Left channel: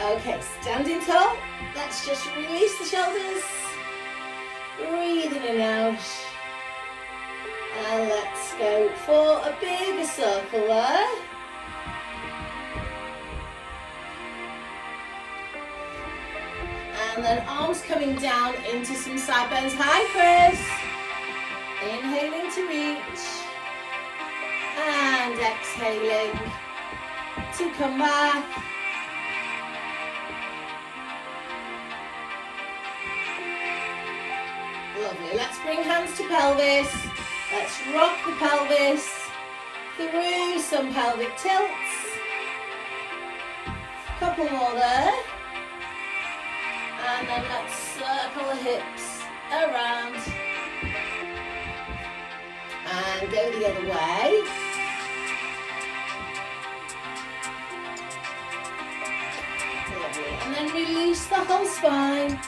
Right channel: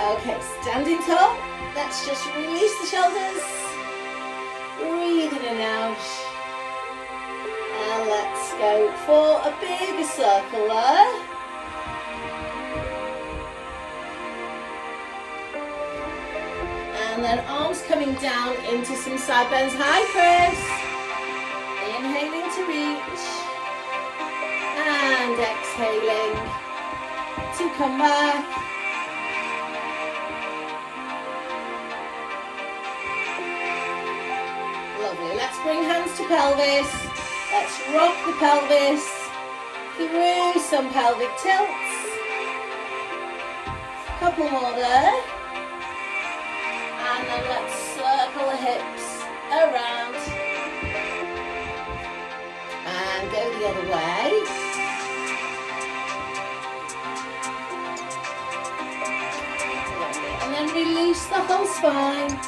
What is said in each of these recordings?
Okay, standing tall. Let's just release the shoulders. Breathe in and out. And let's go for a bigger circle there. And then arms coming down into some side bends. High press. Inhaling to reach. And exhaling to come back. Lovely. Let's bring hands to pelvis. Let's rock the pelvis through some pelvic tilts. Couple more there. And then let's circle the hips around. And go the other way. Lovely. And then release the whole spine.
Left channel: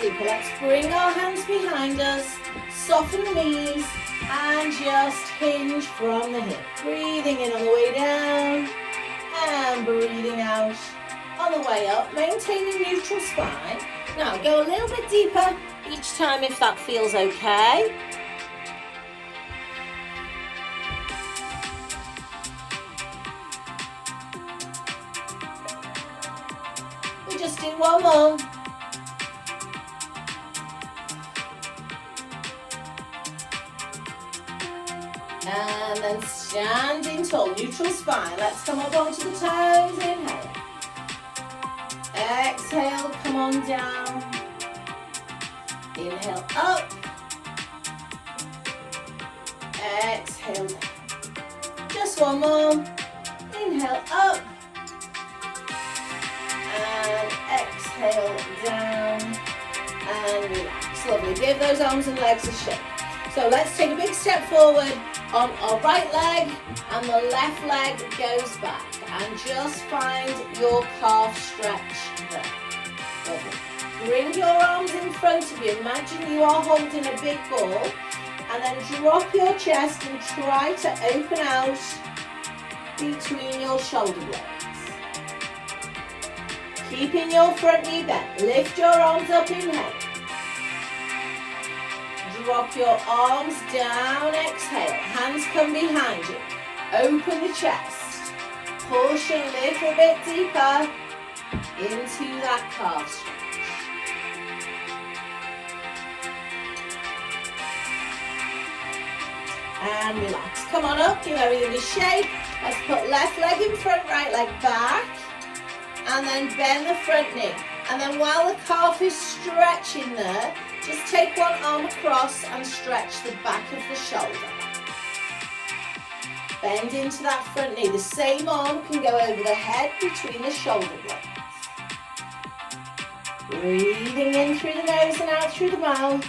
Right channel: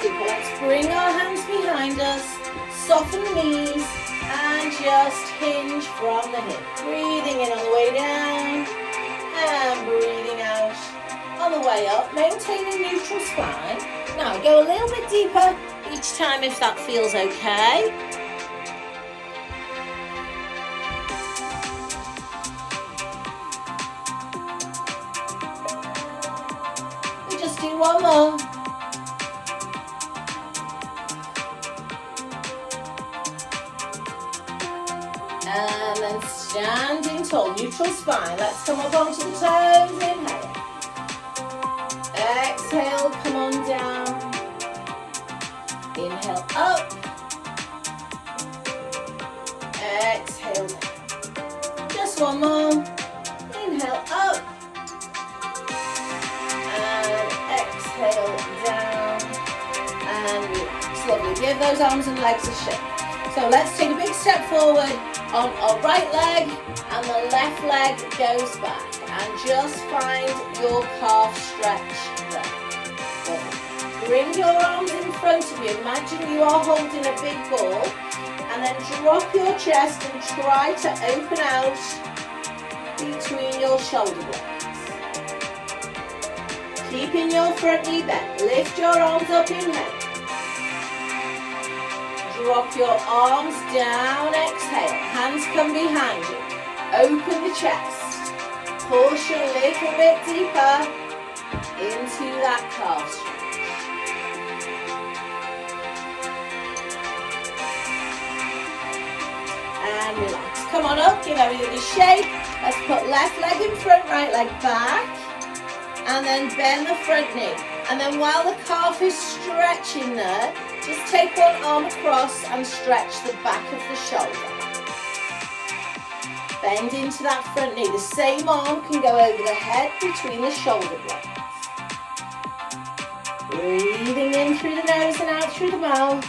Super. Let's bring our hands behind us, soften the knees, and just hinge from the hip. Breathing in on the way down, and breathing out on the way up. Maintain a neutral spine. Now go a little bit deeper each time if that feels okay. We'll just do one more. And then standing tall, neutral spine. Let's come up onto the toes. Inhale. Exhale, come on down. Inhale up. Exhale down. Just one more. Inhale up. And exhale down. And relax. Lovely. Give those arms and legs a shake. So let's take a big step forward on our right leg, and the left leg goes back. And just find your calf stretch there. Lovely. Bring your arms in front of you. Imagine you are holding a big ball. And then drop your chest and try to open out between your shoulder blades. Keeping your front knee bent. Lift your arms up, inhale. Drop your arms down, exhale. Hands come behind you. Open the chest. Push a little bit deeper into that calf stretch. And relax. Come on up, give everything a shake. Let's put left leg in front, right leg back. And then bend the front knee. And then while the calf is stretching there, just take one arm across and stretch the back of the shoulder. Bend into that front knee. The same arm can go over the head between the shoulder blades. Breathing in through the nose and out through the mouth.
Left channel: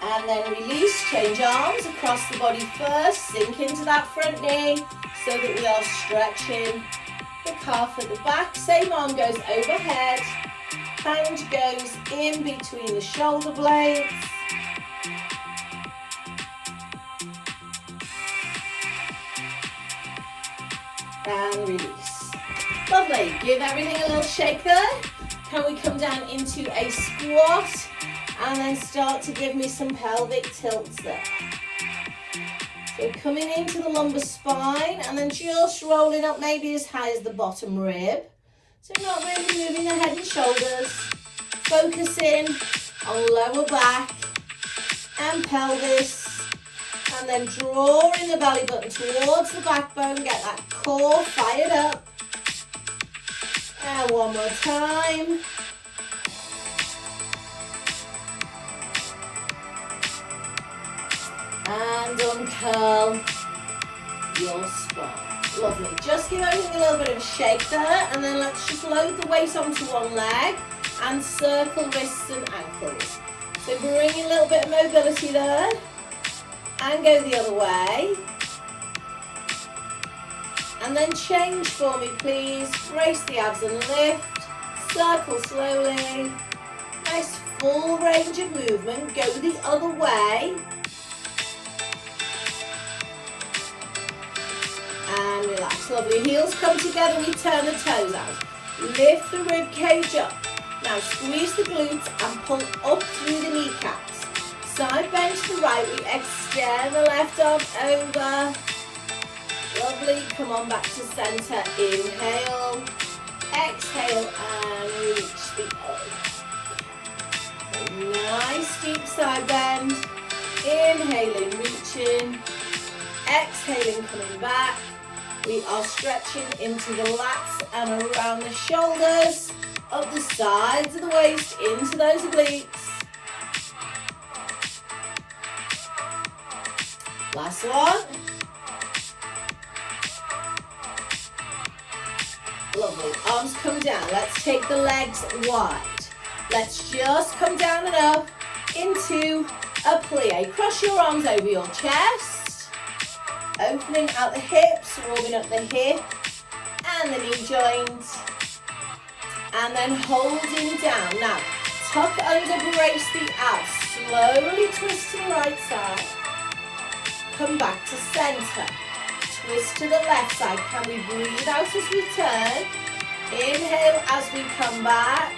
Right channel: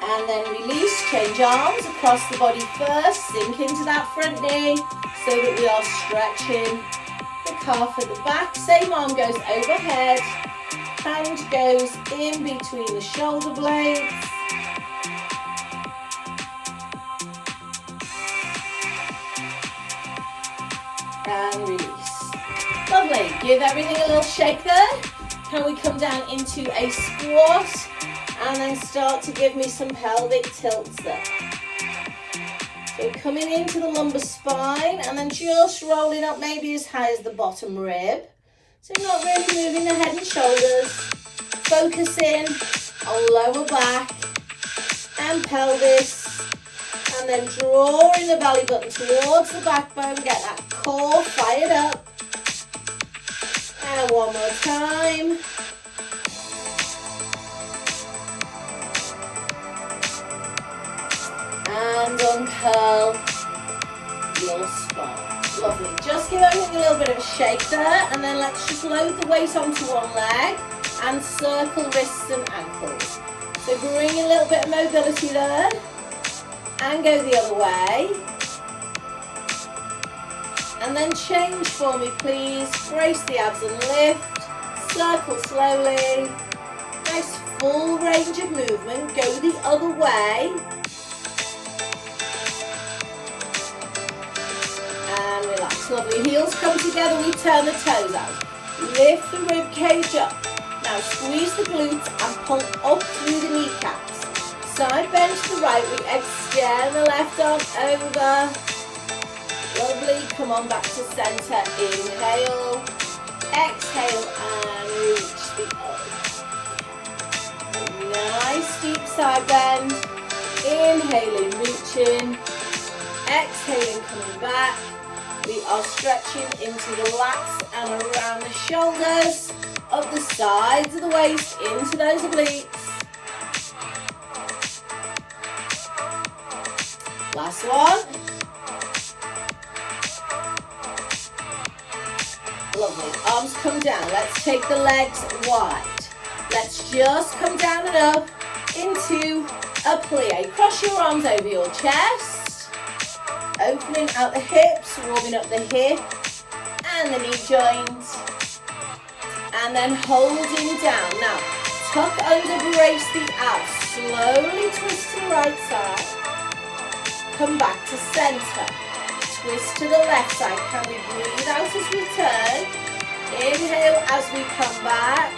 And then release, change arms across the body first. Sink into that front knee so that we are stretching the calf at the back. Same arm goes overhead. Hand goes in between the shoulder blades. And release. Lovely. Give everything a little shake there. Can we come down into a squat? And then start to give me some pelvic tilts there. So coming into the lumbar spine and then just rolling up maybe as high as the bottom rib. So you're not really moving the head and shoulders. Focusing on lower back and pelvis. And then drawing the belly button towards the backbone. Get that core fired up. And one more time. And uncurl your spine. Lovely. Just give everything a little bit of a shake there, and then let's just load the weight onto one leg and circle wrists and ankles. So bring in a little bit of mobility there and go the other way. And then change for me, please. Brace the abs and lift. Circle slowly. Nice full range of movement. Go the other way. And relax. Lovely. Heels come together. We turn the toes out. Lift the rib cage up. Now squeeze the glutes and pull up through the kneecaps. Side bend to the right. We extend the left arm over. Lovely. Come on back to center. Inhale. Exhale and reach the arm. Nice deep side bend. Inhaling, reaching. Exhaling, coming back. We are stretching into the lats and around the shoulders, up the sides of the waist, into those obliques. Last one. Lovely. Arms come down. Let's take the legs wide. Let's just come down and up into a plie. Cross your arms over your chest. Opening out the hips, warming up the hip and the knee joints. And then holding down. Now, tuck under, brace the abs. Slowly twist to the right side. Come back to center. Twist to the left side. Can we breathe out as we turn? Inhale as we come back.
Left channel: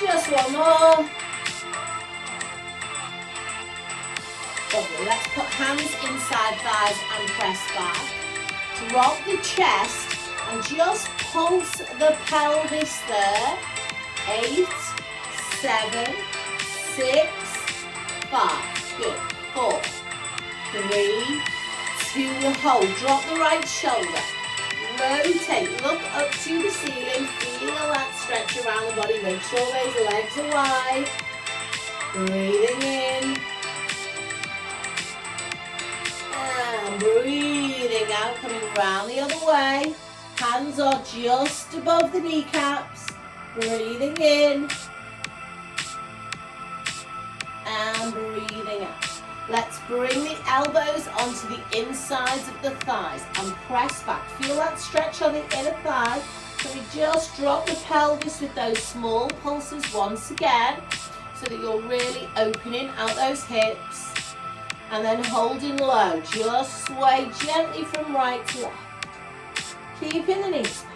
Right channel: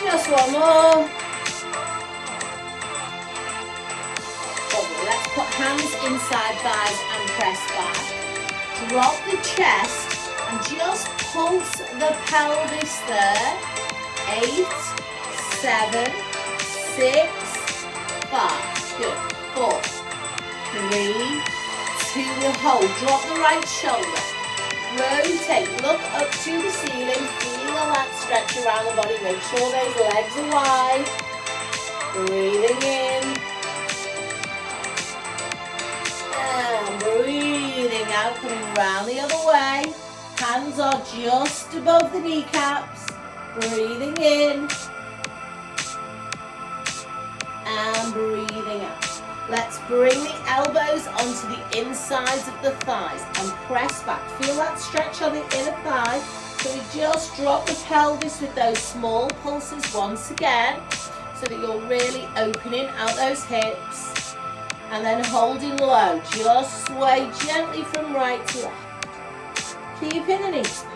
Just one more. Lovely. Let's put hands inside thighs and press back. Drop the chest and just pulse the pelvis there. 8, 7, 6, 5. Good. 4, 3, 2, hold. Drop the right shoulder. Rotate. Look up to the ceiling. Feel that stretch around the body. Make sure those legs are wide. Breathing in. And breathing out, coming round the other way. Hands are just above the kneecaps. Breathing in. And breathing out. Let's bring the elbows onto the insides of the thighs and press back. Feel that stretch on the inner thigh. So we just drop the pelvis with those small pulses once again so that you're really opening out those hips. And then holding low. Just sway gently from right to left. Keeping the knees back.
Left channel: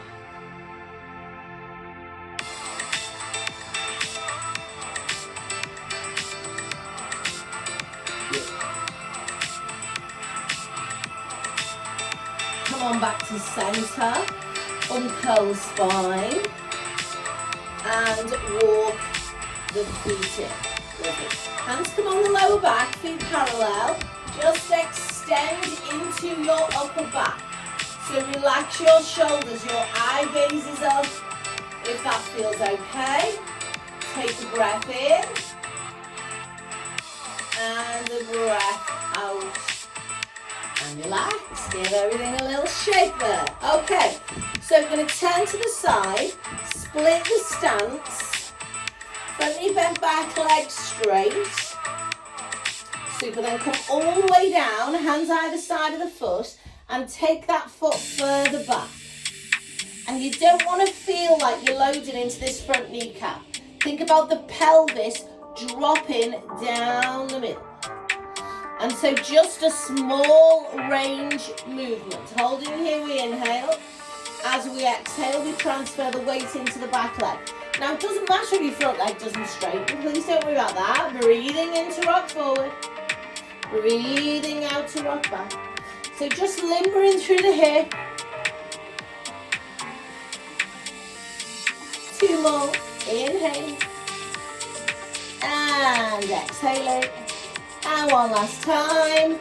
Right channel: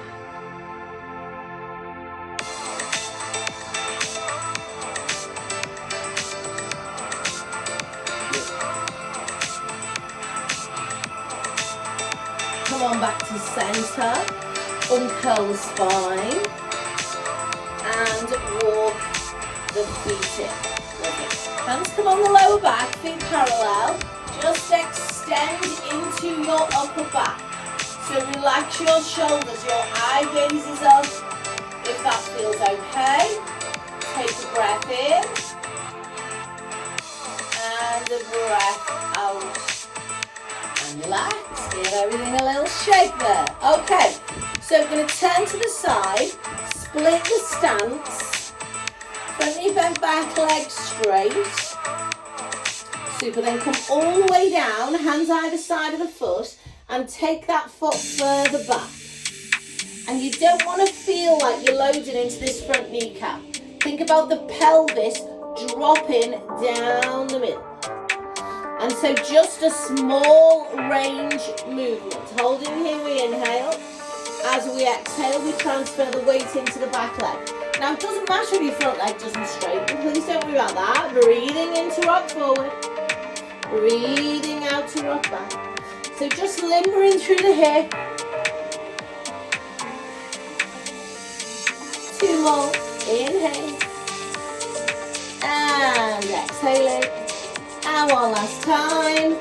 Come on back to center. Uncurl the spine. And walk the feet in. Lovely. Hands come on the lower back, feet parallel. Just extend into your upper back. So relax your shoulders, your eye gaze is up. If that feels okay, take a breath in. And a breath out. And relax, give everything a little shake there. Okay, so we're going to turn to the side, split the stance. Front knee bent back, legs straight. Super, then come all the way down, hands either side of the foot, and take that foot further back. And you don't want to feel like you're loading into this front kneecap. Think about the pelvis dropping down the middle. And so just a small range movement. Holding here, we inhale. As we exhale, we transfer the weight into the back leg. Now, it doesn't matter if your front leg doesn't straighten. Please don't worry about that. Breathing in to rock forward. Breathing out to rock back. So just limbering through the hip. 2 more. Inhaling. And exhaling. And one last time.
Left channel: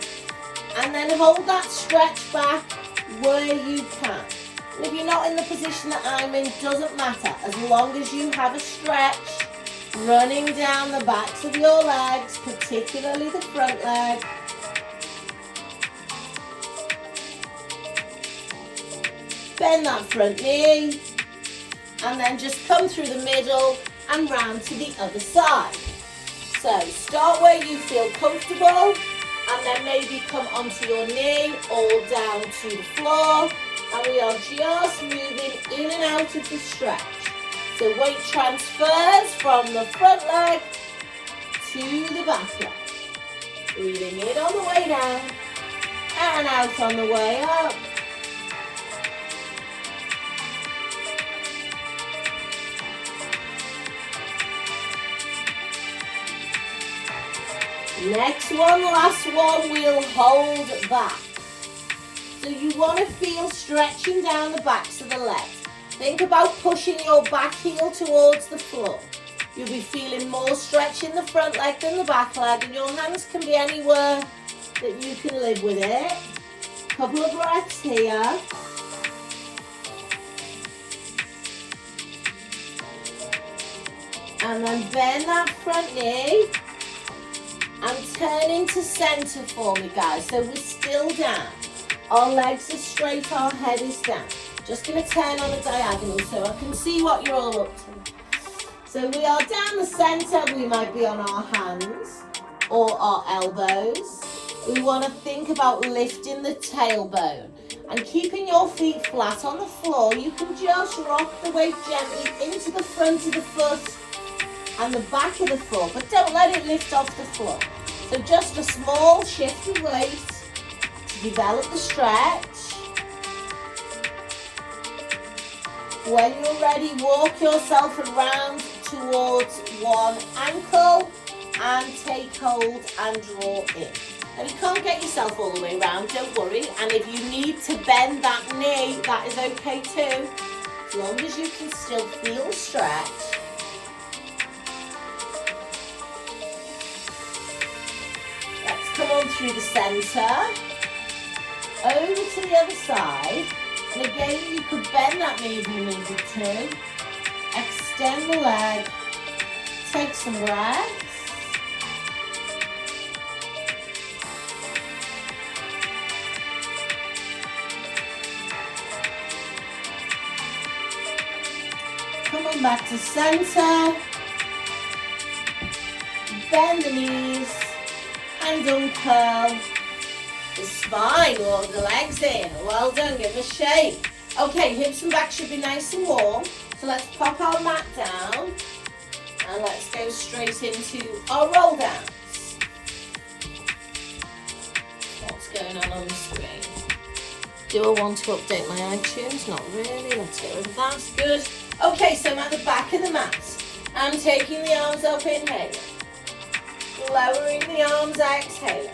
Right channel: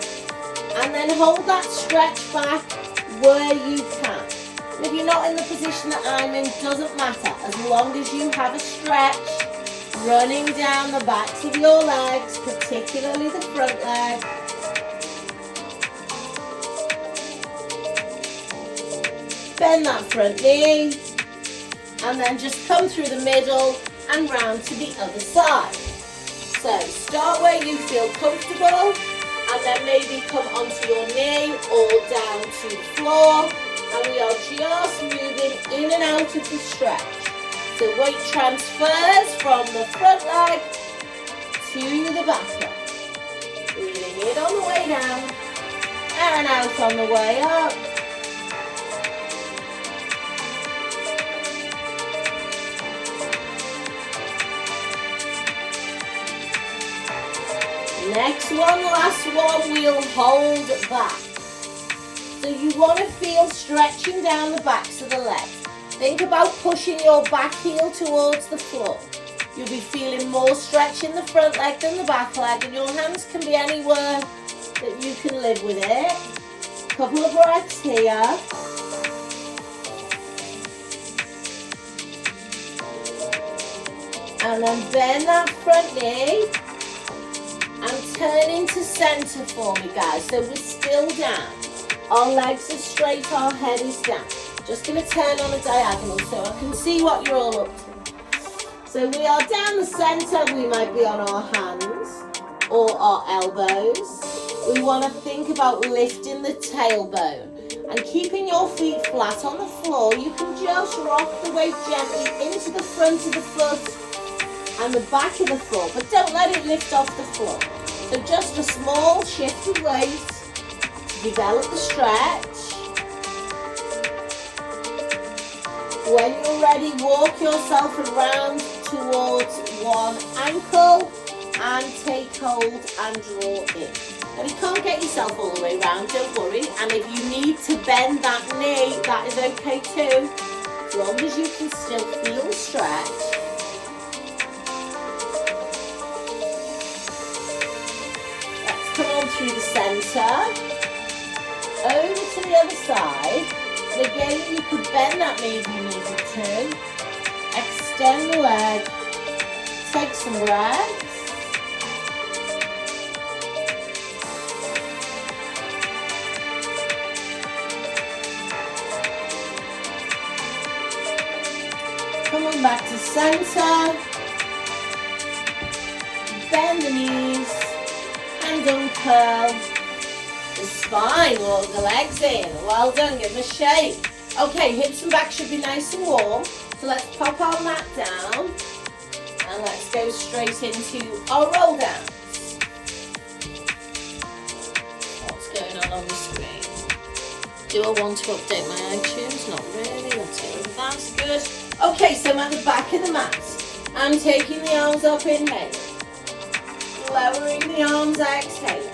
And then hold that stretch back where you can. And if you're not in the position that I'm in, doesn't matter. As long as you have a stretch running down the backs of your legs, particularly the front leg. Bend that front knee. And then just come through the middle and round to the other side. So start where you feel comfortable, and then maybe come onto your knee or down to the floor. And we are just moving in and out of the stretch. So weight transfers from the front leg to the back leg. Breathing in on the way down and out on the way up. Next one, last one, we'll hold back. So you want to feel stretching down the backs of the legs. Think about pushing your back heel towards the floor. You'll be feeling more stretch in the front leg than the back leg, and your hands can be anywhere that you can live with it. Couple of breaths here. And then bend that front knee. And turn into center for me, guys. So we're still down. Our legs are straight, our head is down. Just going to turn on a diagonal so I can see what you're all up to. So we are down the center. We might be on our hands or our elbows. We want to think about lifting the tailbone and keeping your feet flat on the floor. You can just rock the weight gently into the front of the foot and the back of the foot, but don't let it lift off the floor. So just a small shift of weight to develop the stretch. When you're ready, walk yourself around towards one ankle and take hold and draw in. Now you can't get yourself all the way around, don't worry. And if you need to bend that knee, that is okay too, as long as you can still feel the stretch. Come on through the center, over to the other side, and again you could bend that knee if you needed to, extend the leg, take some breaths, come on back to center, bend the knees, and uncurl the spine, walk the legs in. Well done, give a shake. Okay, hips and back should be nice and warm. So let's pop our mat down and let's go straight into our roll downs. What's going on the screen? Do I want to update my iTunes? Not really. Let's get rid of that. Good. Okay, so I'm at the back of the mat. I'm taking the arms up, inhaling. Lowering the arms, exhale.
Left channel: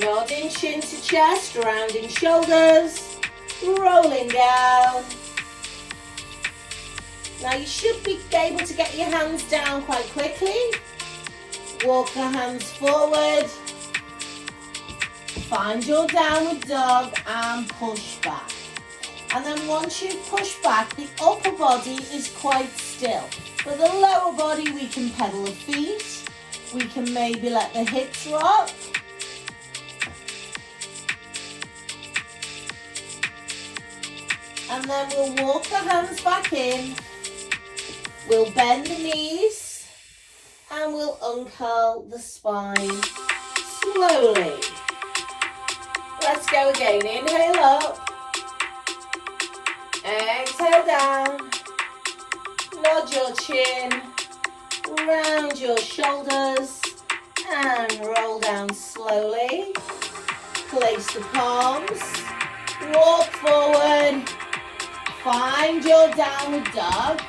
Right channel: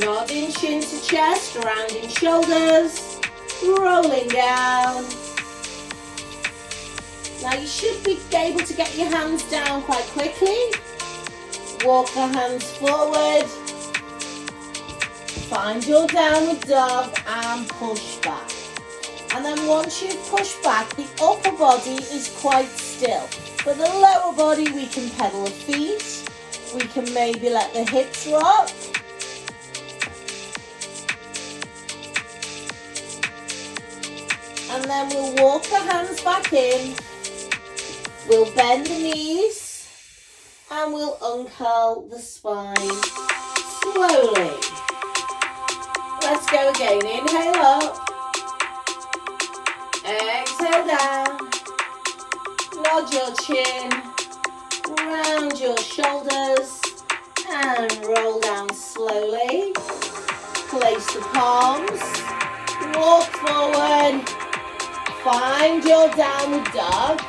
Nodding chin to chest, rounding shoulders, rolling down. Now you should be able to get your hands down quite quickly. Walk the hands forward. Find your downward dog and push back. And then once you've pushed back, the upper body is quite still. For the lower body, we can pedal the feet. We can maybe let the hips rock. And then we'll walk the hands back in. We'll bend the knees. And we'll uncurl the spine slowly. Let's go again. Inhale up. Exhale down. Nod your chin, round your shoulders, and roll down slowly. Place the palms, walk forward, find your downward dog,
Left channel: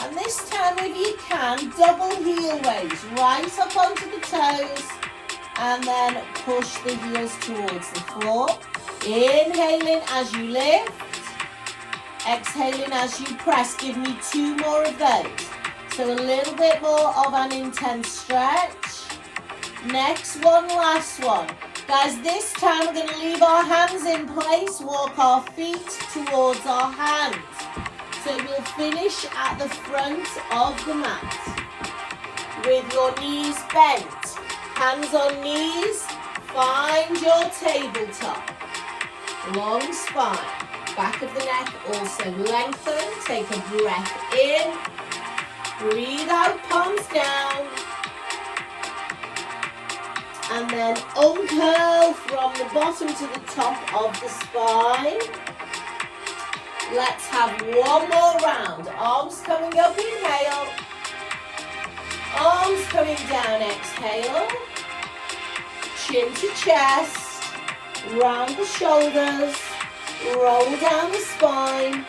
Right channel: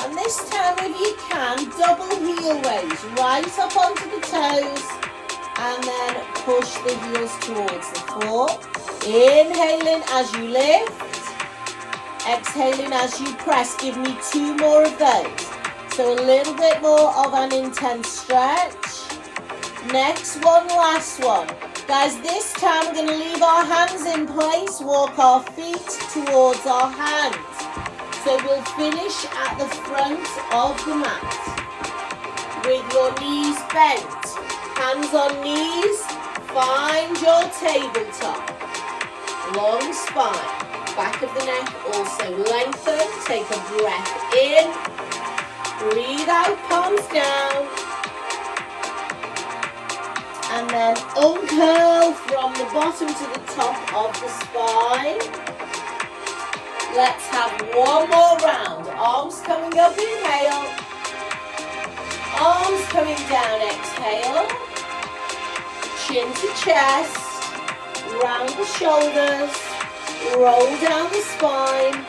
and this time if you can, double heel raise, right up onto the toes, and then push the heels towards the floor. Inhaling as you lift. Exhaling as you press. Give me 2 more of those. So a little bit more of an intense stretch. Next one, last one. Guys, this time we're going to leave our hands in place. Walk our feet towards our hands. So we'll finish at the front of the mat. With your knees bent. Hands on knees. Find your tabletop. Long spine. Back of the neck also lengthen. Take a breath in Breathe out, palms down. And then uncurl from the bottom to the top of the spine. Let's have one more round. Arms coming up, inhale. Arms coming down, exhale. Chin to chest. Round the shoulders. Roll down the spine.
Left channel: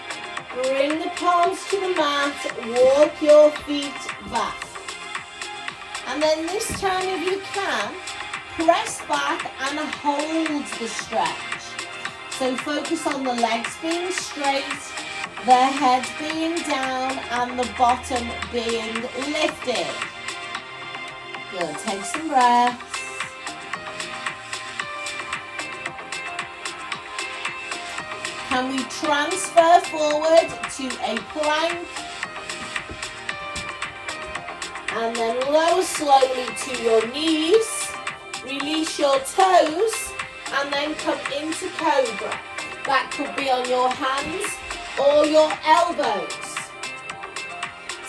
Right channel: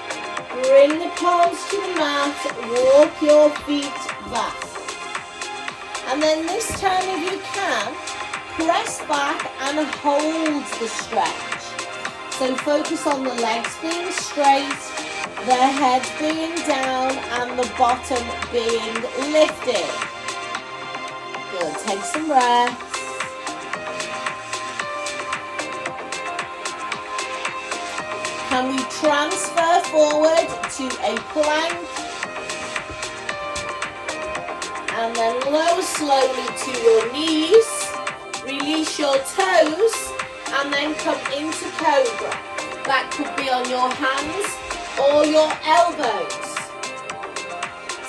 Bring the palms to the mat. Walk your feet back. And then this time, if you can, press back and hold the stretch. So focus on the legs being straight, the head being down, and the bottom being lifted. Good, take some breaths. Can we transfer forward to a plank? And then lower slowly to your knees. Release your toes and then come into cobra. That could be on your hands or your elbows.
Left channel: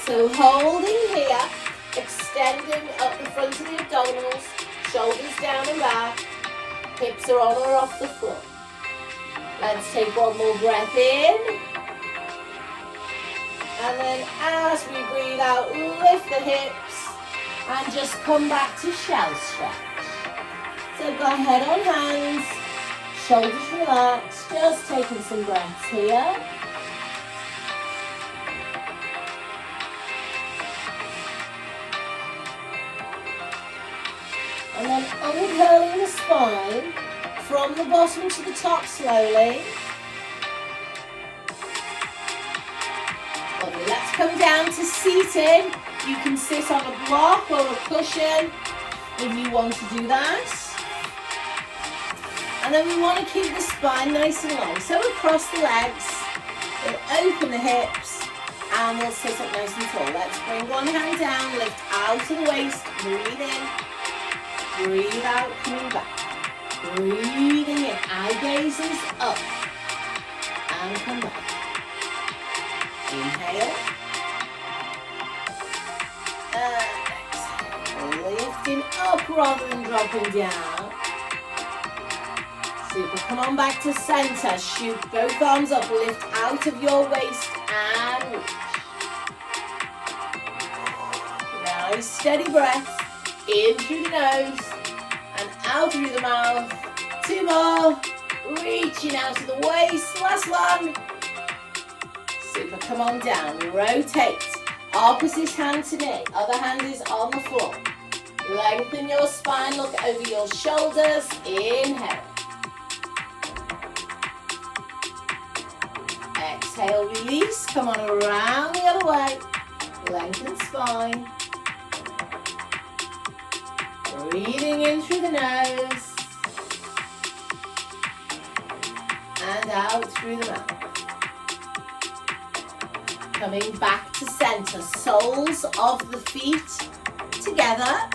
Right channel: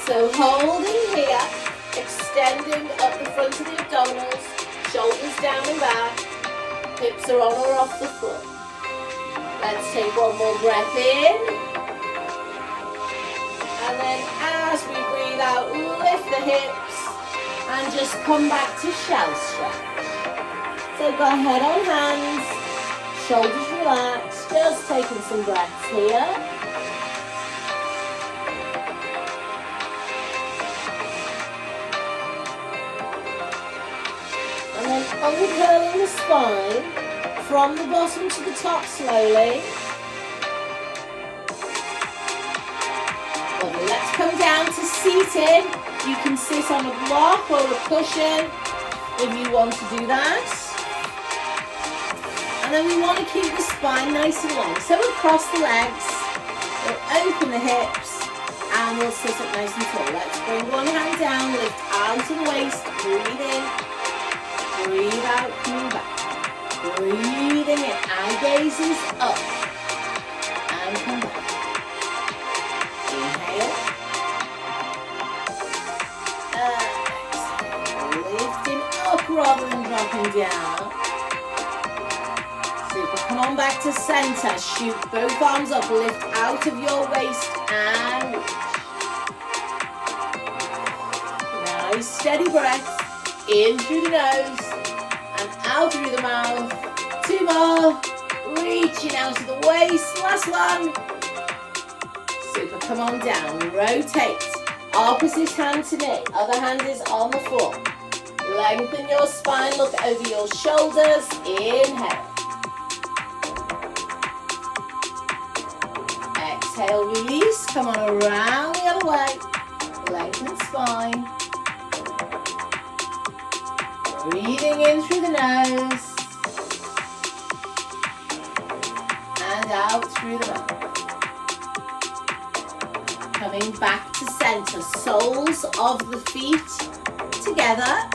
So holding here, extending up the front of the abdominals, shoulders down and back, hips are on or off the floor. Let's take one more breath in. And then as we breathe out, lift the hips and just come back to shell stretch. So go head on hands, shoulders relaxed, just taking some breaths here. And then uncurling the spine from the bottom to the top slowly. Lovely. Let's come down to seated. You can sit on a block or a cushion if you want to do that. And then we want to keep the spine nice and long. So we'll cross the legs, we'll open the hips, and we'll sit up nice and tall. Let's bring one hand down, lift out of the waist, breathe in, breathe out, coming back. Breathing in, eye gazes up, and come back. Inhale, exhale, lifting up rather than dropping down. Super, come on back to center, shoot both arms up, lift out of your waist and reach. Nice steady breath, in through the nose and out through the mouth. Two more, reaching out to the waist, last one. Super, come on down, rotate, opposite hand to knee, other hand is on the floor. Lengthen your spine, look over your shoulders, inhale. Exhale, release, come on around the other way, lengthen spine. Breathing in through the nose, and out through the mouth. Coming back to center, soles of the feet together.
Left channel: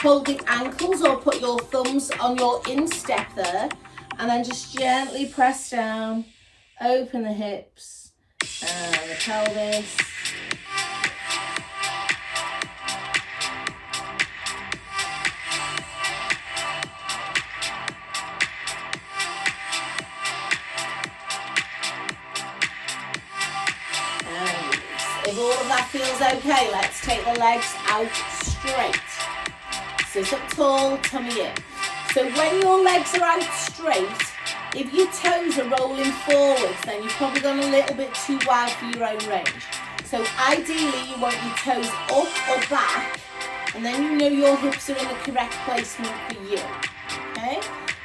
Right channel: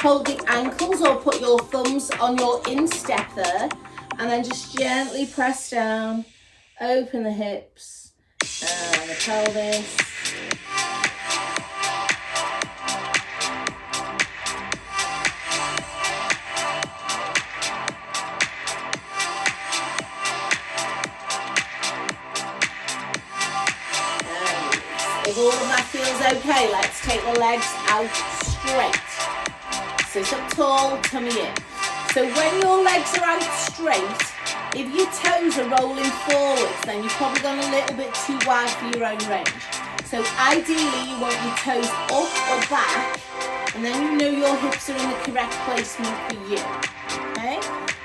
Hold the ankles or put your thumbs on your instep there, and then just gently press down, open the hips and the pelvis. If all of that feels okay, let's take the legs out straight. Sit up tall, tummy in. So when your legs are out straight, if your toes are rolling forwards, then you've probably gone a little bit too wide for your own range. So ideally, you want your toes up or back, and then you know your hips are in the correct placement for you. Okay?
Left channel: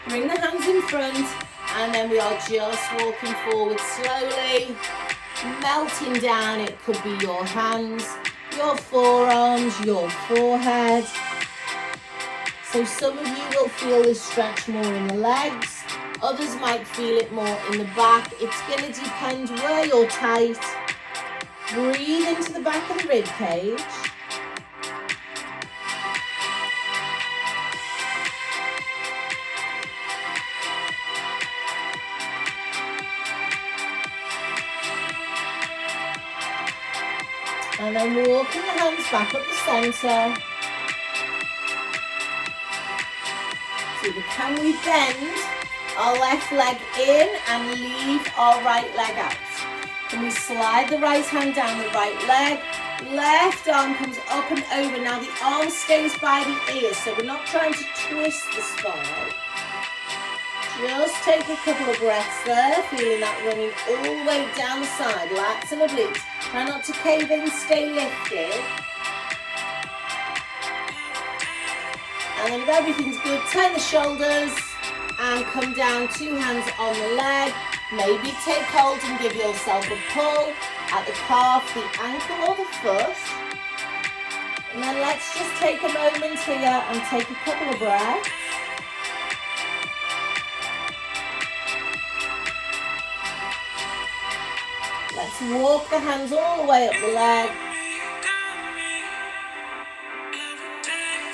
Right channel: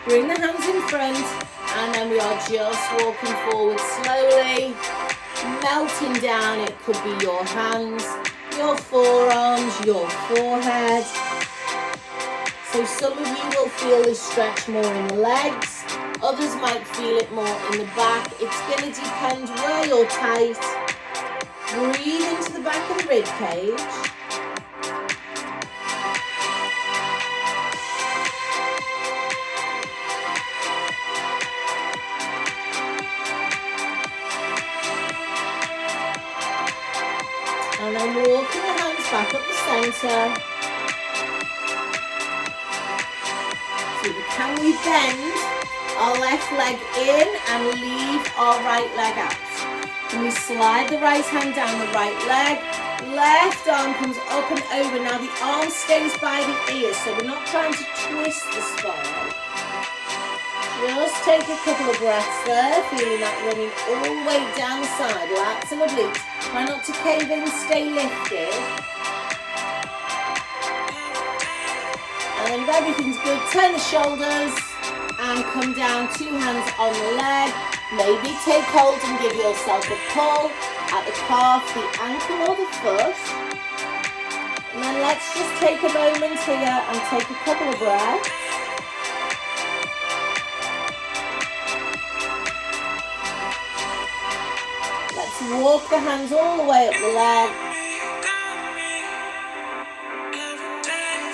Bring the hands in front, and then we are just walking forward slowly. Melting down, it could be your hands, your forearms, your forehead. So some of you will feel this stretch more in the legs, others might feel it more in the back. It's going to depend where you're tight. Breathe into the back of the rib cage. And And then walking the hands back up the centre. So can we bend our left leg in and leave our right leg out? Can we slide the right hand down the right leg? Left arm comes up and over. Now the arm stays by the ears, so we're not trying to twist the spine. Just take a couple of breaths there, feeling that running all the way down the side, lats and obliques. Try not to cave in, stay lifted. And then if everything's good, turn the shoulders and come down, 2 hands on the leg. Maybe take hold and give yourself a pull at the calf, the ankle or the foot. And then let's just take a moment here and take a couple of breaths. Let's walk the hands all the way up the leg.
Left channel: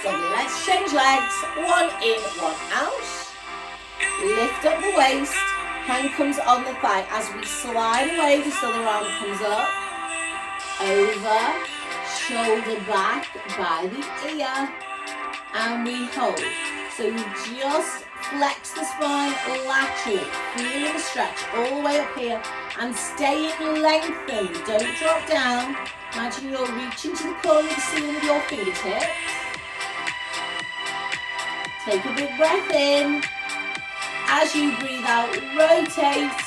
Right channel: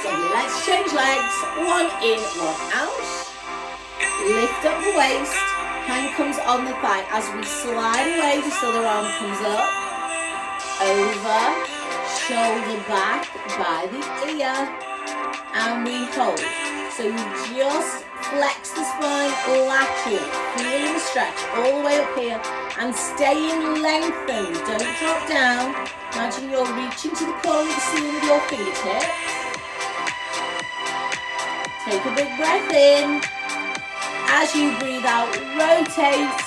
So let's change legs. 1 in, 1 out. Lift up the waist. Hand comes on the thigh as we slide away. This other arm comes up, over, shoulder back by the ear, and we hold. So we just flex the spine laterally, feeling the stretch all the way up here, and staying lengthened. Don't drop down. Imagine you're reaching to the corner of the ceiling with your fingertips. Take a big breath in. As you breathe out, rotate,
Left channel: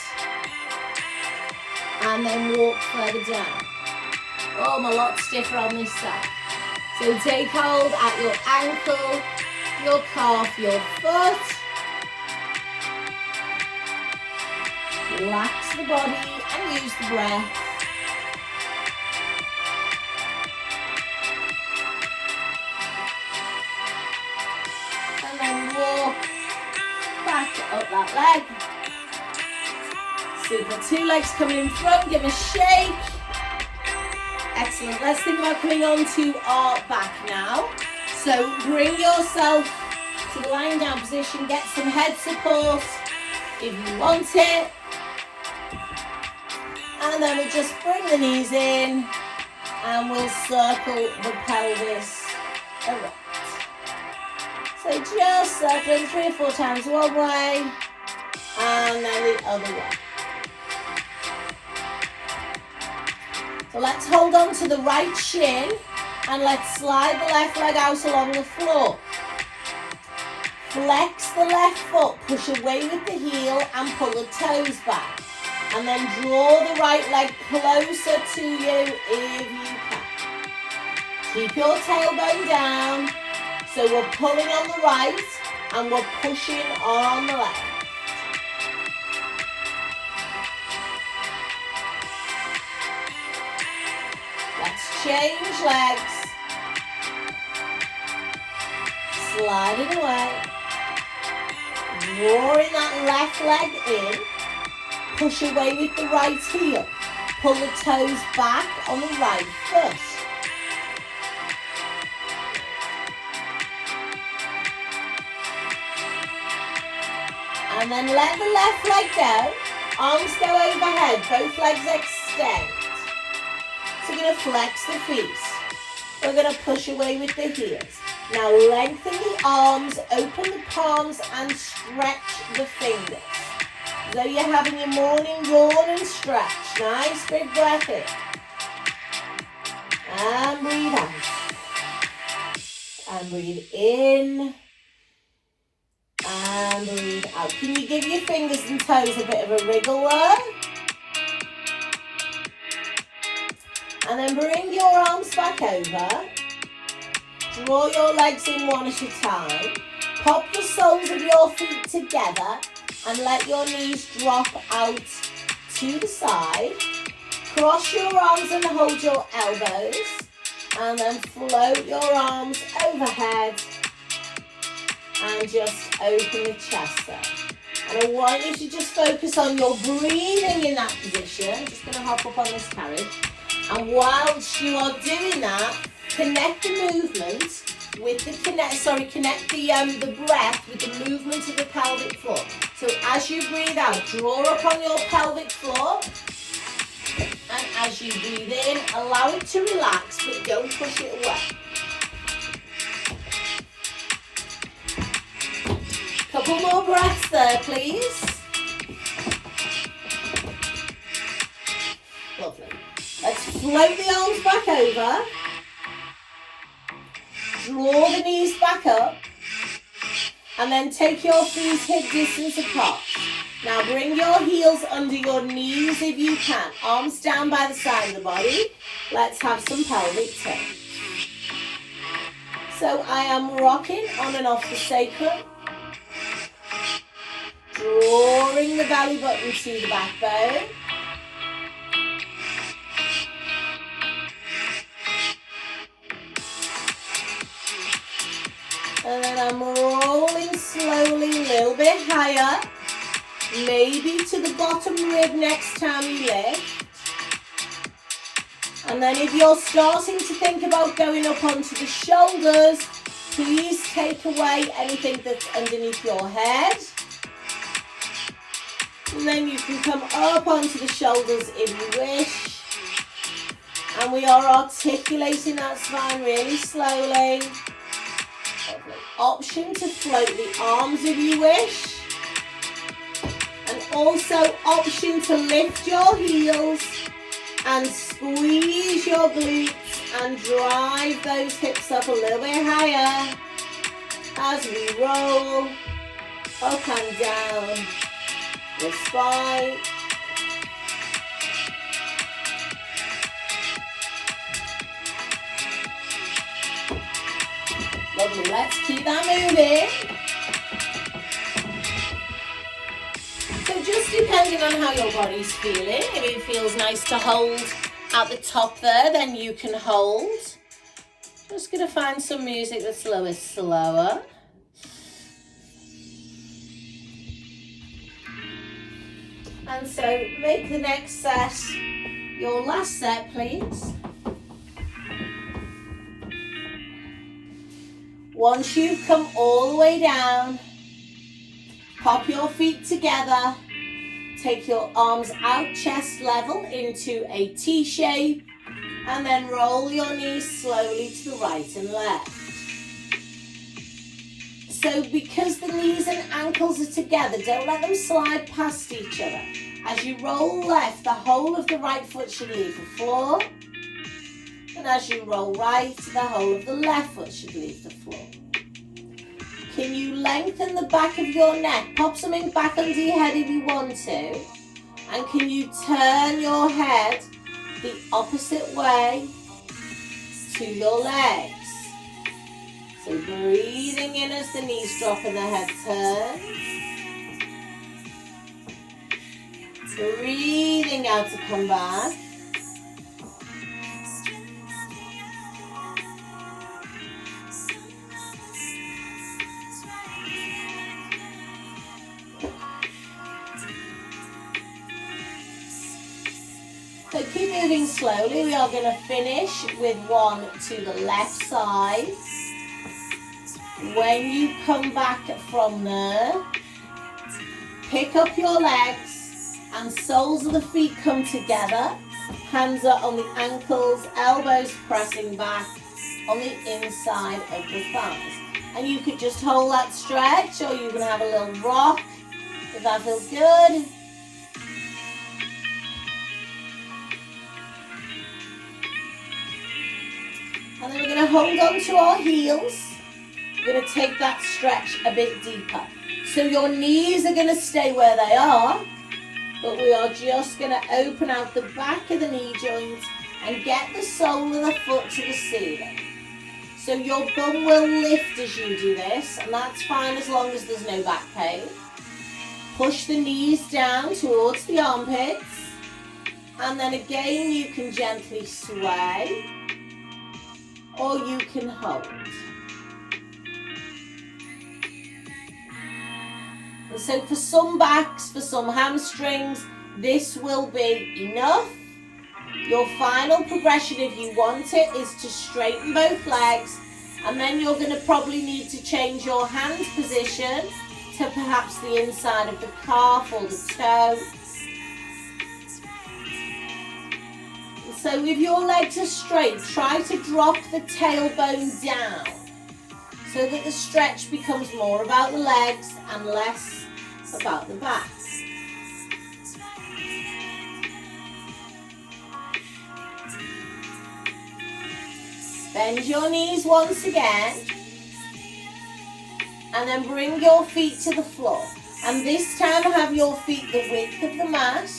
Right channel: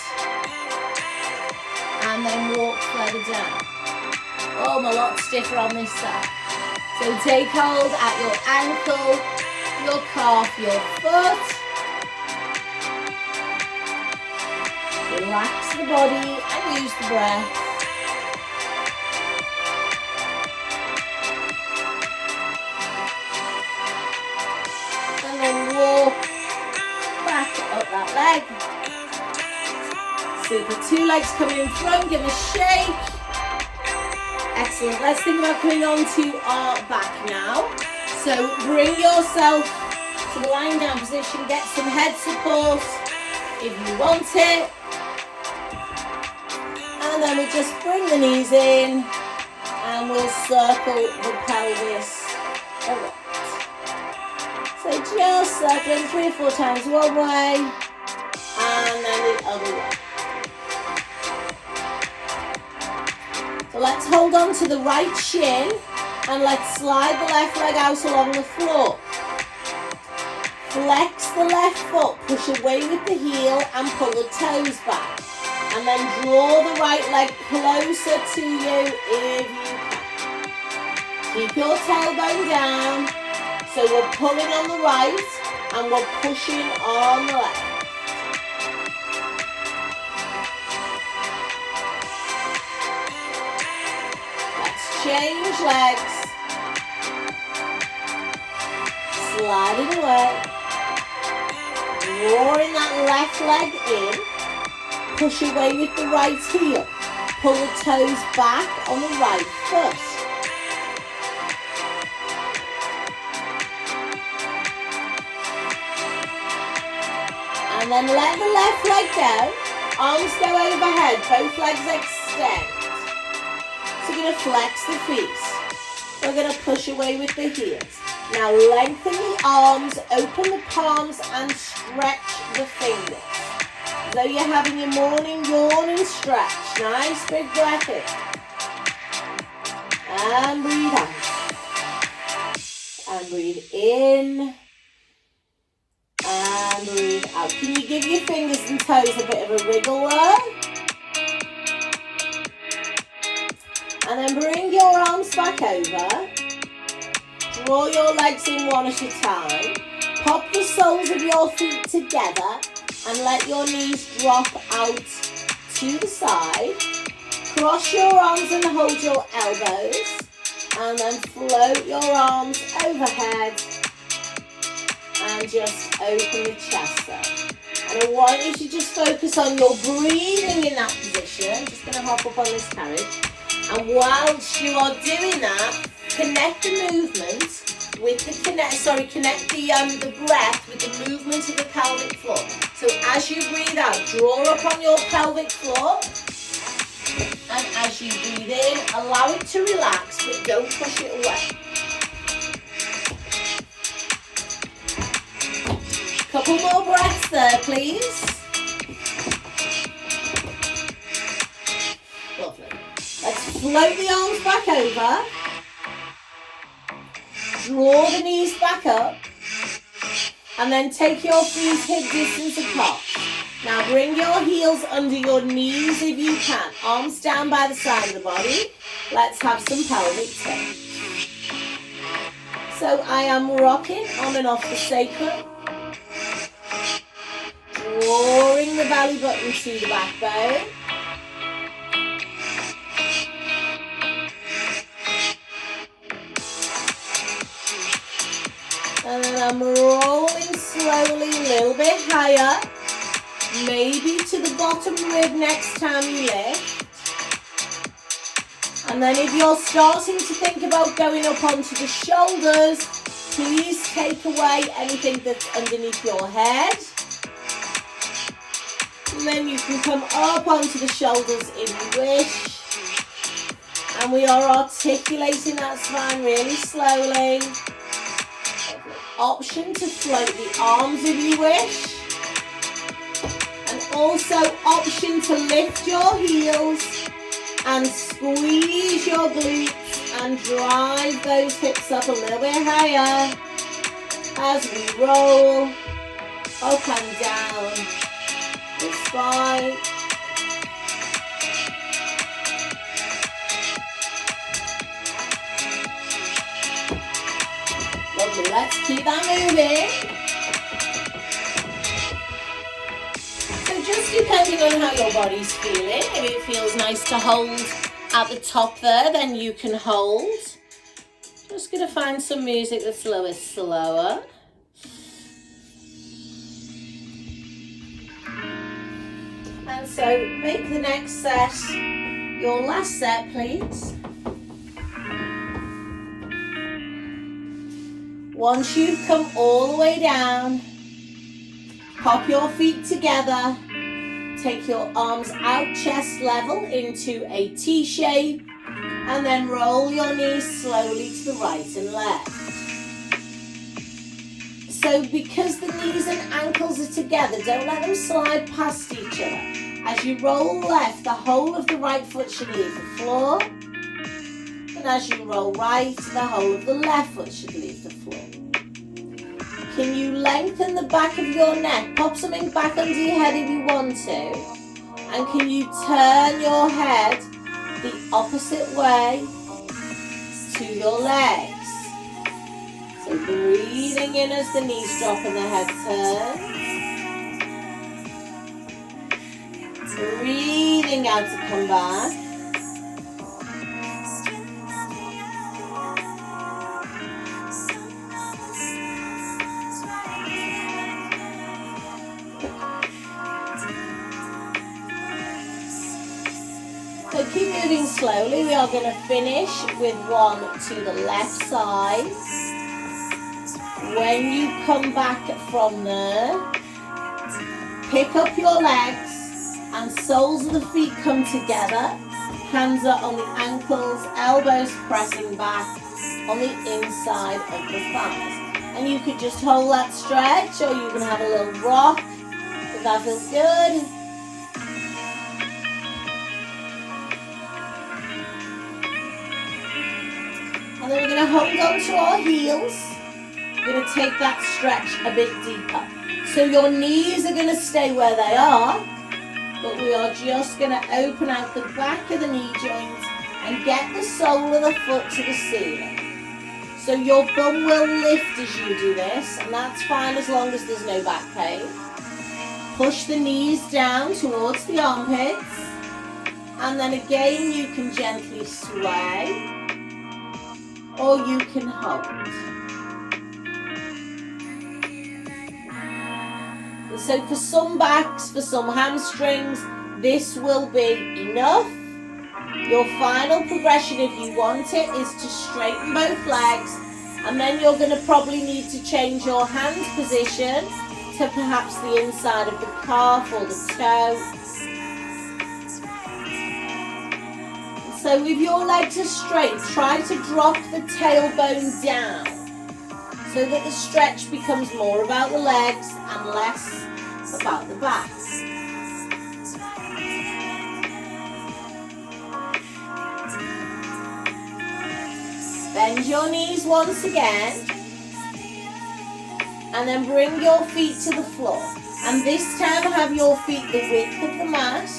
and then walk further down. Oh, I'm a lot stiffer on this side. So take hold at your ankle, your calf, your foot. Relax the body and use the breath. And then walk back up that leg. Super. 2 legs coming in front. Give a shake. Excellent. Let's think about coming on to our back now. So bring yourself to the lying down position. Get some head support if you want it. And then we'll just bring the knees in and we'll circle the pelvis around. So just circling 3 or 4 times one way and then the other way. So let's hold on to the right shin and let's slide the left leg out along the floor. Flex the left foot, push away with the heel and pull the toes back. And then draw the right leg closer to you if you can. Keep your tailbone down. So we're pulling on the right and we're pushing on the left. Let's change legs. Sliding away. Drawing that left leg in. Push away with the right heel. Pull the toes back on the right foot. And then let the left leg go. Arms go overhead. Both legs extend. So we're going to flex the feet. We're going to push away with the heels. Now lengthen the arms, open the palms and stretch the fingers. So you're having your morning yawn and stretch. Nice big breath in. And breathe out. And breathe in. And breathe out. Can you give your fingers and toes a bit of a wriggle there? And then bring your arms back over. Draw your legs in one at a time. Pop the soles of your feet together. And let your knees drop out to the side. Cross your arms and hold your elbows. And then float your arms overhead. And just open the chest there. And I want you to just focus on your breathing in that position. I'm just going to hop up on this carriage. And whilst you are doing that, connect the movement with the connect the breath with the movement of the pelvic floor. So as you breathe out, draw up on your pelvic floor And as you breathe in, allow it to relax, but don't push it away. Couple more breaths there, please. Lovely. Let's float the arms back over. Draw the knees back up. And then take your feet hip distance apart. Now bring your heels under your knees if you can. Arms down by the side of the body. Let's have some pelvic tilt. So I am rocking on and off the sacrum. Drawing the belly button to the backbone. And then I'm rolling slowly a little bit higher. Maybe to the bottom rib next time you lift. And then if you're starting to think about going up onto the shoulders, please take away anything that's underneath your head. And then you can come up onto the shoulders if you wish. And we are articulating that spine really slowly. Option to float the arms if you wish. And also option to lift your heels and squeeze your glutes and drive those hips up a little bit higher as we roll up and down the spine. Lovely, let's keep that moving. So just depending on how your body's feeling, if it feels nice to hold at the top there, then you can hold. Just gonna find some music that's a little bit slower. And so make the next set your last set, please. Once you've come all the way down, pop your feet together, take your arms out chest level into a T shape, and then roll your knees slowly to the right and left. So because the knees and ankles are together, don't let them slide past each other. As you roll left, the whole of the right foot should leave the floor. And as you roll right, the whole of the left foot should leave the floor. Can you lengthen the back of your neck? Pop something back under your head if you want to. And can you turn your head the opposite way to your legs? So breathing in as the knees drop and the head turns. Breathing out to come back. So keep moving slowly. We are going to finish with one to the left side. When you come back from there, pick up your legs and soles of the feet come together. Hands are on the ankles, elbows pressing back on the inside of the thighs. And you could just hold that stretch, or you can have a little rock if that feels good. And then we're going to hold on to our heels. We're going to take that stretch a bit deeper. So your knees are going to stay where they are, but we are just going to open out the back of the knee joint and get the sole of the foot to the ceiling. So your bum will lift as you do this, and that's fine as long as there's no back pain. Push the knees down towards the armpits, and then again you can gently sway, or you can hold. And so for some backs, for some hamstrings, this will be enough. Your final progression, if you want it, is to straighten both legs, and then you're going to probably need to change your hand position to perhaps the inside of the calf or the toe. So if your legs are straight, try to drop the tailbone down so that the stretch becomes more about the legs and less about the back. Bend your knees once again, and then bring your feet to the floor. And this time have your feet the width of the mat,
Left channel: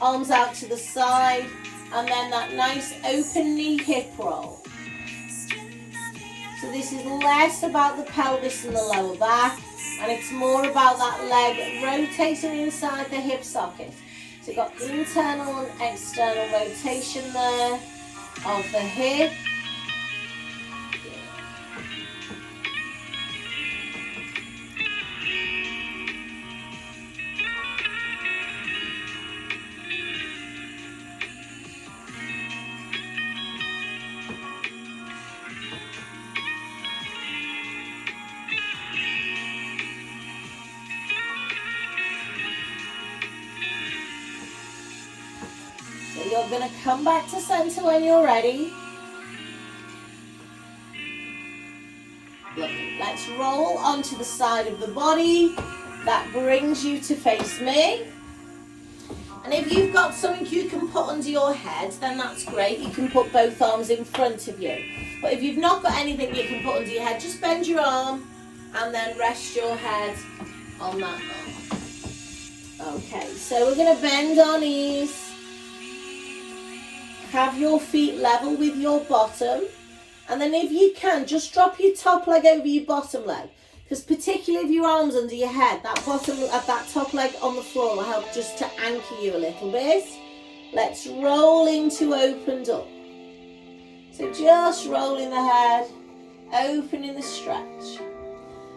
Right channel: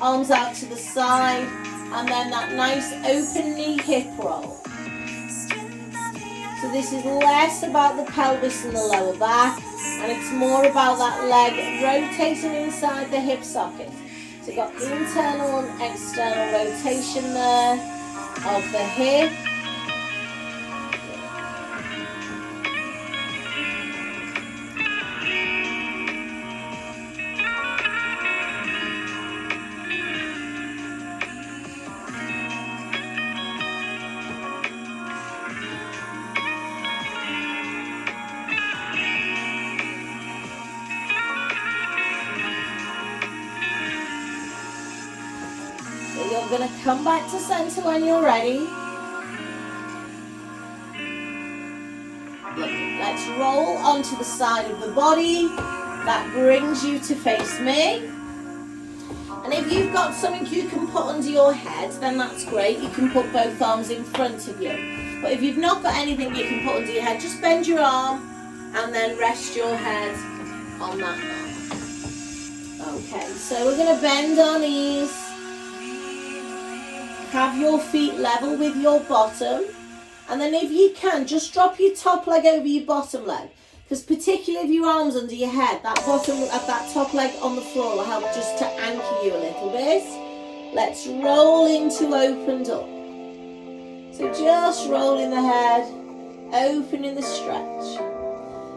arms out to the side, and then that nice open knee hip roll. So this is less about the pelvis and the lower back, and it's more about that leg rotating inside the hip socket. So you've got internal and external rotation there of the hip. You're going to come back to center when you're ready. Let's roll onto the side of the body. That brings you to face me. And if you've got something you can put under your head, then that's great. You can put both arms in front of you. But if you've not got anything you can put under your head, just bend your arm and then rest your head on that arm. Okay, so we're going to bend our knees. Have your feet level with your bottom, and then if you can, just drop your top leg over your bottom leg, because particularly if your arms under your head, that top leg on the floor will help just to anchor you a little bit. Let's roll into opened up. So just rolling the head, opening the stretch.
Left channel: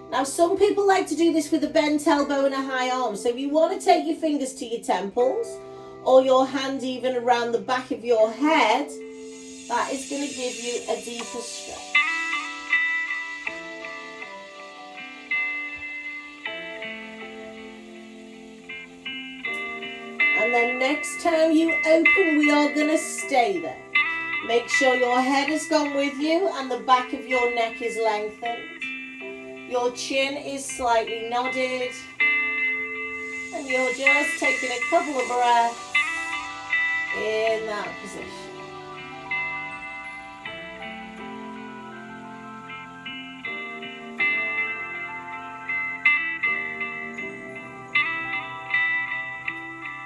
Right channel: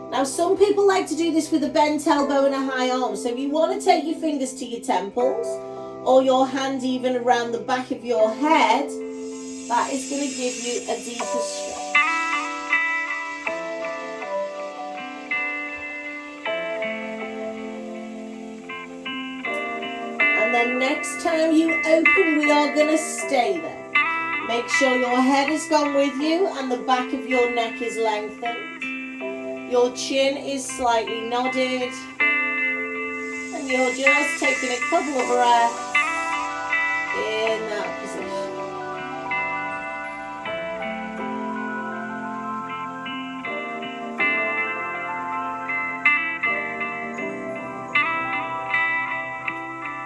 Now some people like to do this with a bent elbow and a high arm, so if you want to take your fingers to your temples, or your hand even around the back of your head, that is going to give you a deeper stretch. And then next time you open, we are going to stay there. Make sure your head has gone with you and the back of your neck is lengthened. Your chin is slightly nodded. And you're just taking a couple of breaths in that position.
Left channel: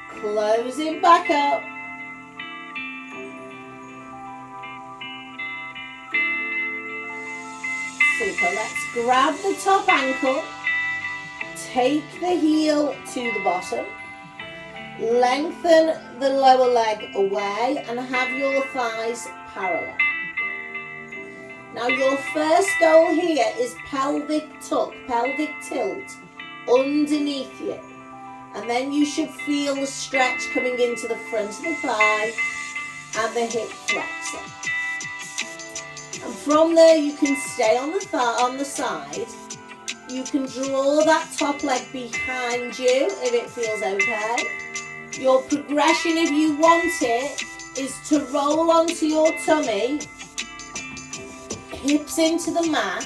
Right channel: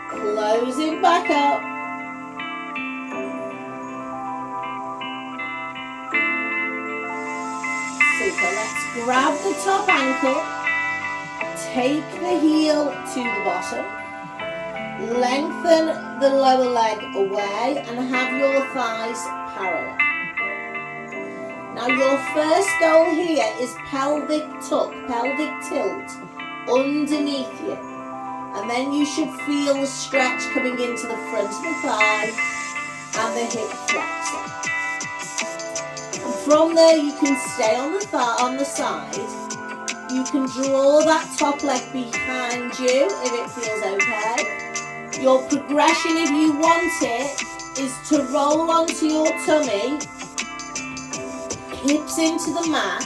Closing back up. Super. Let's grab the top ankle. Take the heel to the bottom. Lengthen the lower leg away and have your thighs parallel. Now your first goal here is pelvic tuck, pelvic tilt underneath you. And then you should feel the stretch coming into the front of the thigh and the hip flexor. And from there you can stay on the side. You can draw that top leg behind you if it feels okay. Your progression, if you want it, is to roll onto your tummy, hips into the mat,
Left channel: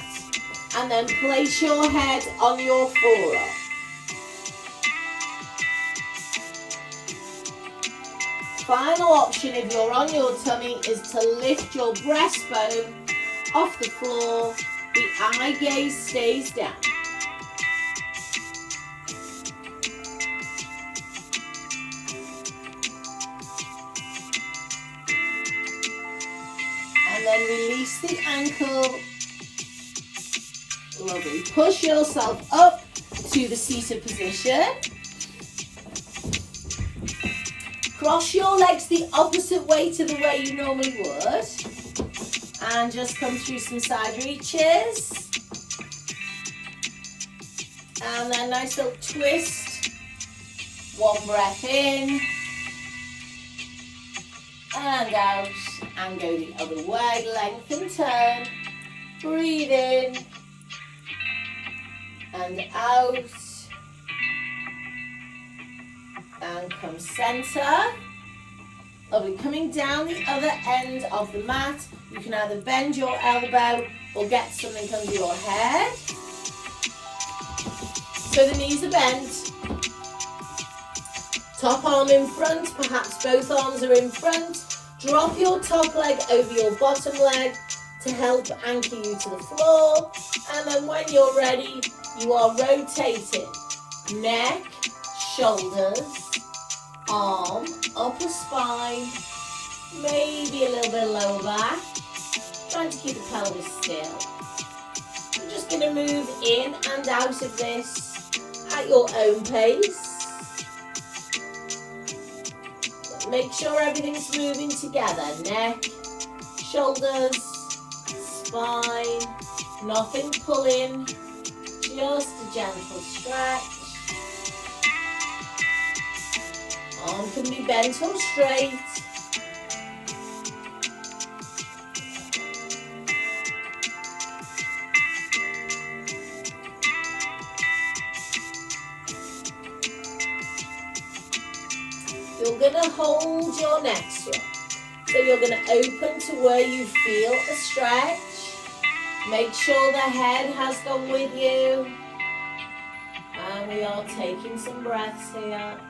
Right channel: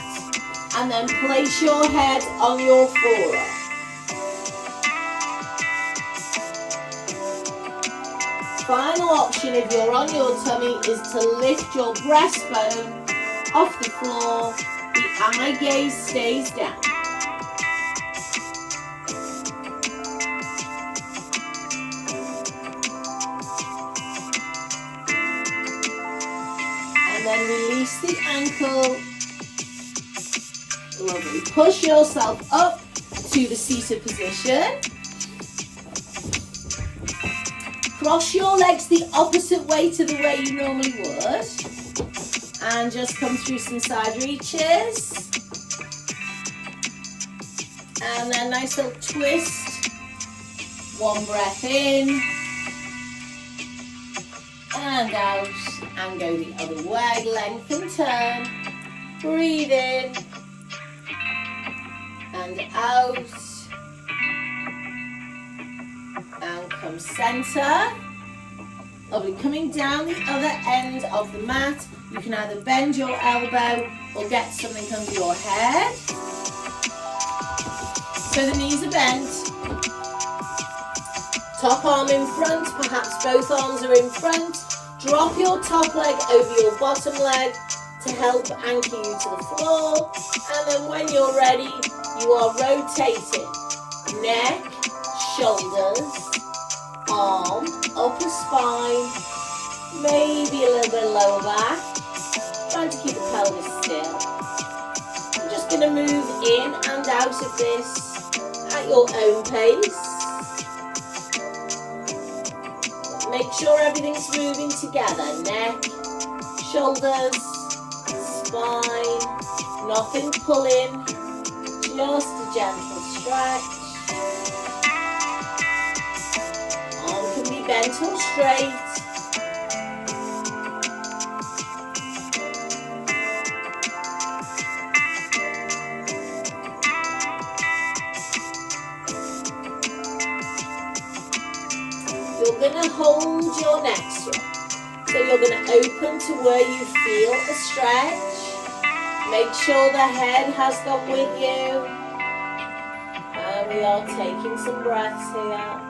and then place your head on your forearm. Final option, if you're on your tummy, is to lift your breastbone off the floor. The eye gaze stays down. Then release the ankle. Lovely. Push yourself up to the seated position. Cross your legs the opposite way to the way you normally would. And just come through some side reaches. And then nice little twist. One breath in. And out. And go the other way, lengthen, turn, breathe in, and out, and come center, Lovely. Coming down the other end of the mat, you can either bend your elbow or get something under your head. So the knees are bent. Top arm in front, perhaps both arms are in front. Drop your top leg over your bottom leg to help anchor you to the floor. And then when you're ready, you are rotating neck, shoulders, arm, upper spine, maybe a little bit lower back. Trying to keep the pelvis still. You're just going to move in and out of this at your own pace. But make sure everything's moving together. Neck, shoulders, spine, nothing pulling, just a gentle stretch. Arm can be bent or straight. You're going to hold your neck straight. So you're going to open to where you feel a stretch. Make sure the head has gone with you. And we are taking some breaths here.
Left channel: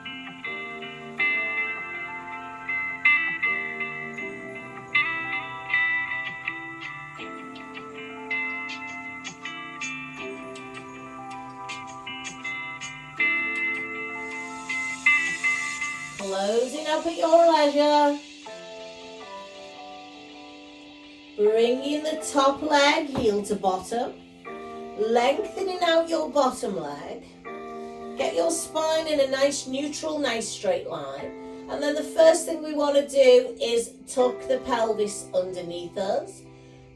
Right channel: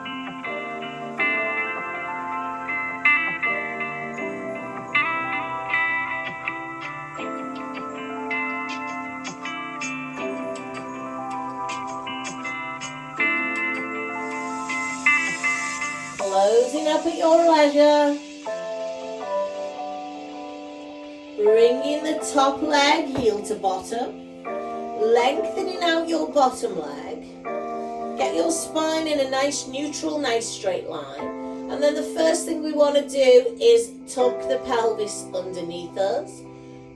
Closing up at your leisure. Bringing the top leg heel to bottom. Lengthening out your bottom leg. Get your spine in a nice neutral, nice straight line. And then the first thing we want to do is tuck the pelvis underneath us.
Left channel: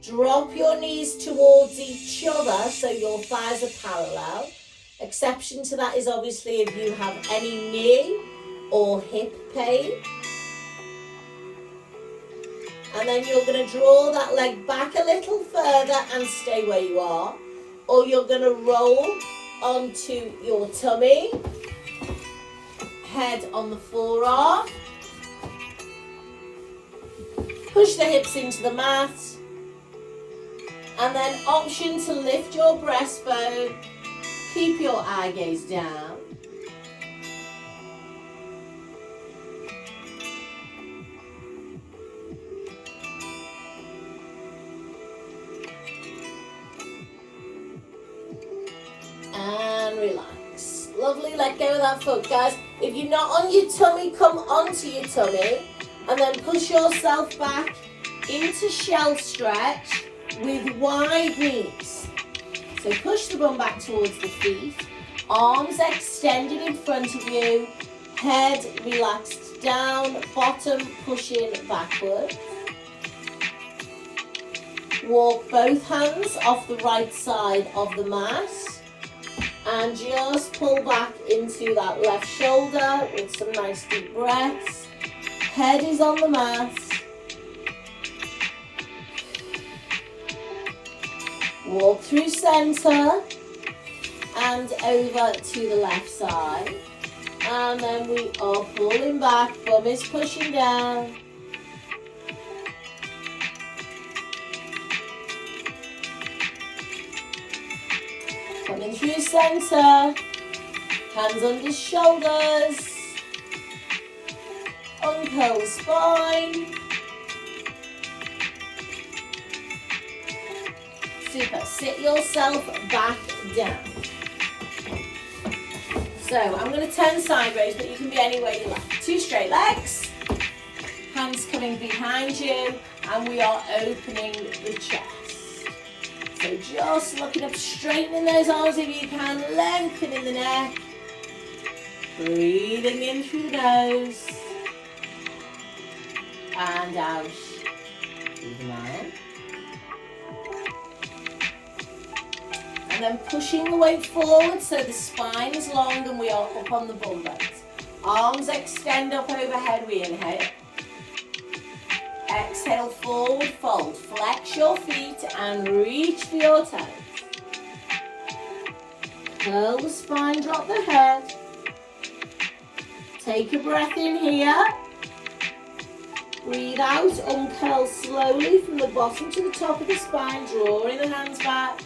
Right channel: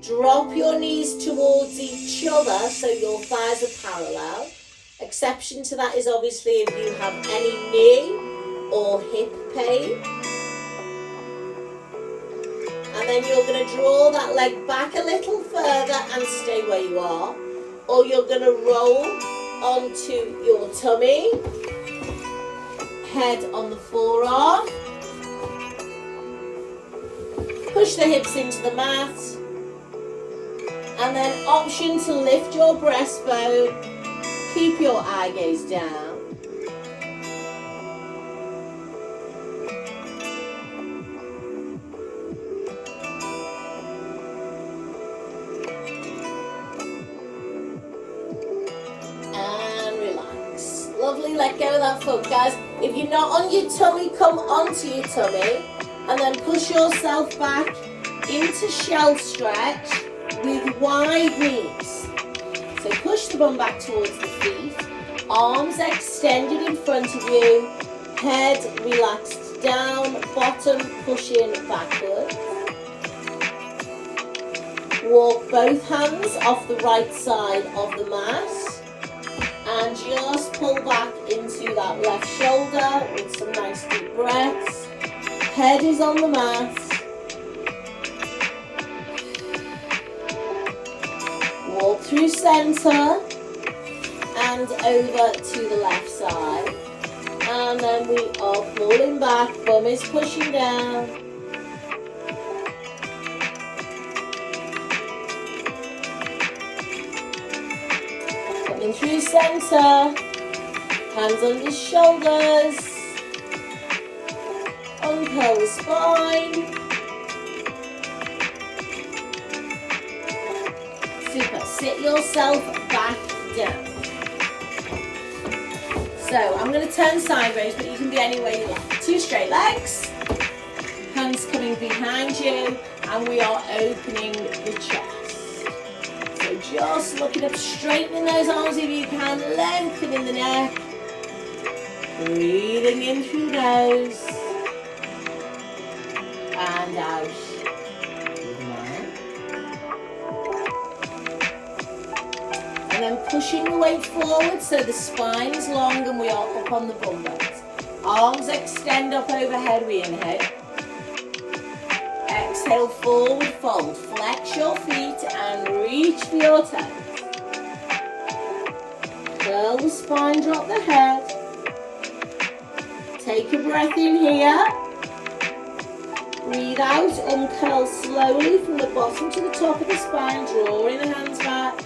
Drop your knees towards each other so your thighs are parallel. Exception to that is obviously if you have any knee or hip pain. And then you're going to draw that leg back a little further and stay where you are. Or you're going to roll onto your tummy, head on the forearm. Push the hips into the mat. And then option to lift your breastbone. Keep your eye gaze down. Lovely, let go of that foot, guys. If you're not on your tummy, come onto your tummy and then push yourself back into shell stretch with wide knees. So push the bum back towards the feet, arms extended in front of you, head relaxed down, bottom pushing backward. Walk both hands off the right side of the mat. And just pull back into that left shoulder with some nice deep breaths. Head is on the mat. Walk through center and over to the left side. And then we are pulling back, bum is pushing down. Coming through center, hands under shoulders, uncurl the spine. Super, sit yourself back down. So I'm going to turn sideways, but you can be anywhere you like. Two straight legs, hands coming behind you, and we are opening the chest. So just looking up, straightening those arms if you can, lengthening the neck. Breathing in through the nose. And out through the mouth. And then pushing the weight forward so the spine is long and we are up on the bum bends. Arms extend up overhead, we inhale. Exhale, forward fold. Flex your feet and reach for your toes. Curl the spine, drop the head. Take a breath in here. Breathe out, uncurl slowly from the bottom to the top of the spine, drawing the hands back.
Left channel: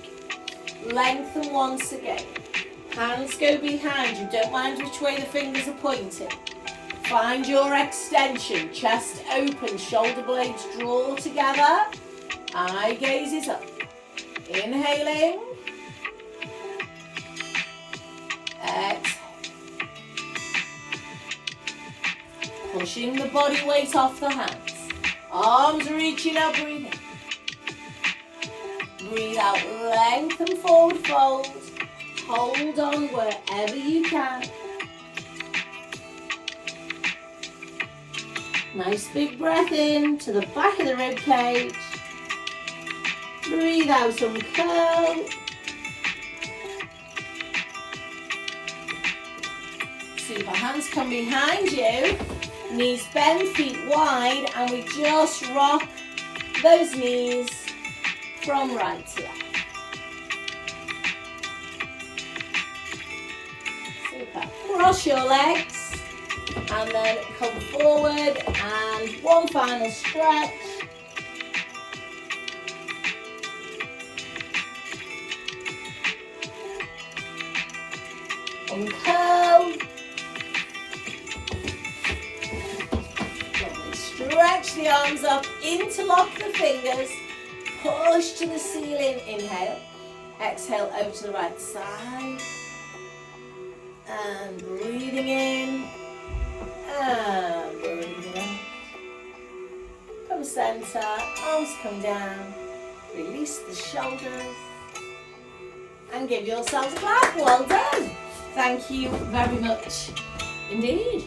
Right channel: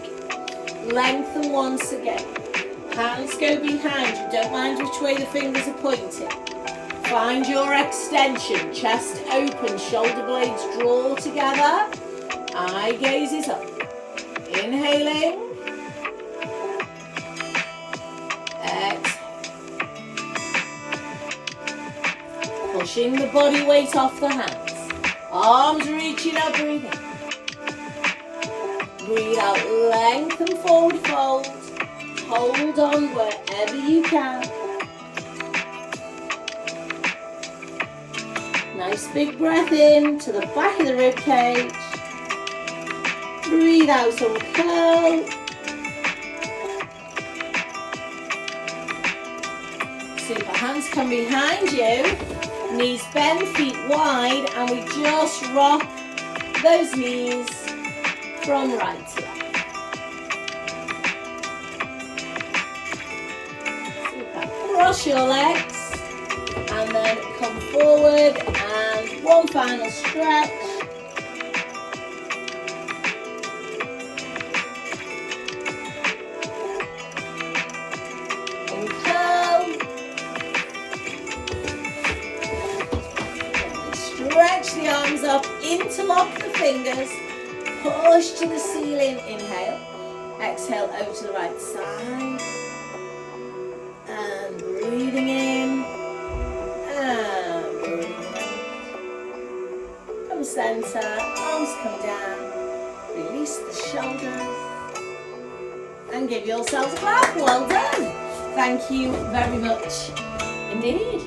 Lengthen once again. Hands go behind you, don't mind which way the fingers are pointing. Find your extension, chest open, shoulder blades draw together. Eye gaze is up. Inhaling. Exhale. Pushing the body weight off the hands. Arms reaching up, breathing. Breathe out, lengthen forward fold. Hold on wherever you can. Nice big breath in to the back of the rib cage. Breathe out, uncurl. Super, hands come behind you. Knees bend, feet wide, and we just rock those knees from right to left. Super. Cross your legs and then come forward and one final stretch. Uncurl. Stretch the arms up, interlock the fingers, push to the ceiling, inhale. Exhale out to the right side. And breathing in. And breathing out. Come center, arms come down. Release the shoulders. And give yourselves a clap. Well done. Thank you very much indeed.